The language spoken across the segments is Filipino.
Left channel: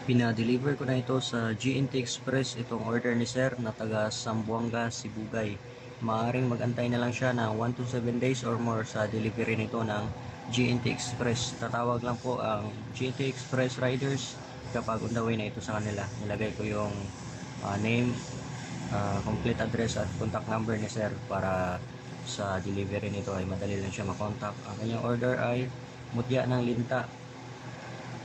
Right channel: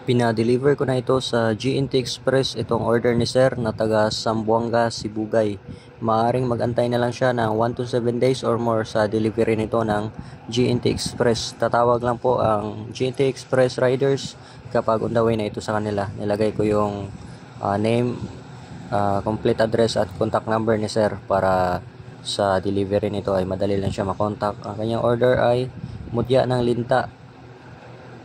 Pina-deliver ko na ito sa GNT Express, itong order ni sir na taga Zamboanga, Sibugay. Maaring magantay na lang siya ng 1 to 7 days or more sa delivery nito ng GNT Express. Tatawag lang po ang GNT Express riders kapag on the way na ito sa kanila. Nilagay ko yung name, complete address at contact number ni sir para sa delivery nito ay madali lang siya makontak. Ang kanyang order ay mutya ng linta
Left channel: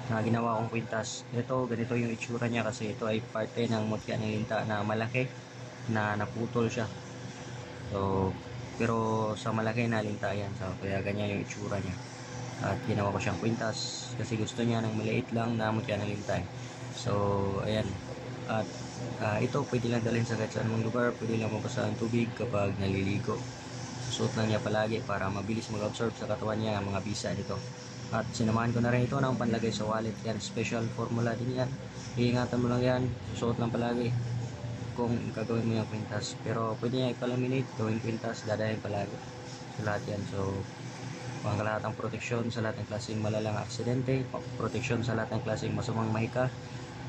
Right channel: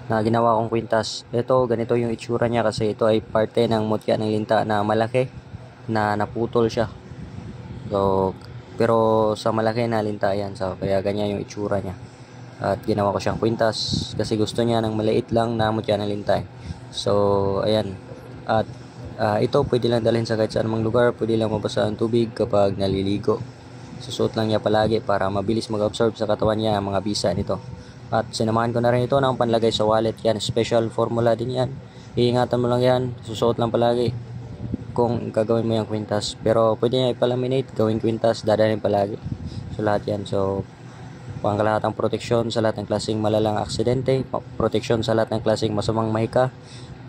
na ginawa kong kwintas. Ito, ganito yung itsura niya kasi ito ay parte ng mutya ng linta na malaki na naputol siya. So, pero sa malaki na linta yan. So, kaya ganyan yung itsura niya. At ginawa ko siyang kwintas kasi gusto niya ng maliit lang na mutya ng linta. So, ayan. At ito pwede lang dalhin sa kahit saan mang lugar. Pwede lang mabasa ang tubig kapag naliligo. Susuot lang niya palagi para mabilis mag-absorb sa katawan niya ang mga bisa nito. At sinamahan ko na rin ito ng panlagay sa wallet. Yan, special formula din yan. Iingatan mo lang yan, susuot lang palagi kung gagawin mo yung kwintas. Pero pwede niya ipalaminate, gawing kwintas, dadalhin palagi. So lahat yan. So pangkalahatang proteksyon sa lahat ng klaseng malalang aksidente, proteksyon sa lahat ng klaseng masamang mahika,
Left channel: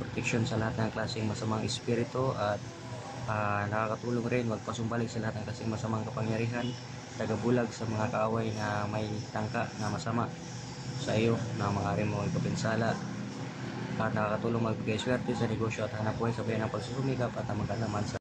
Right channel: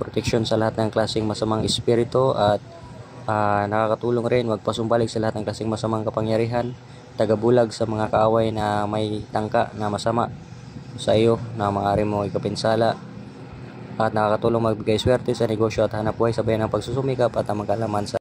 proteksyon sa lahat ng klaseng masamang espiritu, at nakakatulong rin magpasumbalik sa lahat ng klaseng masamang kapangyarihan, tagabulag sa mga kaaway na may tangka na masama sa iyo na maaari mo ikapinsala, at nakakatulong magbigay swerte sa negosyo at hanap buhay sabay ng pagsusumikap at ang magkalaman sa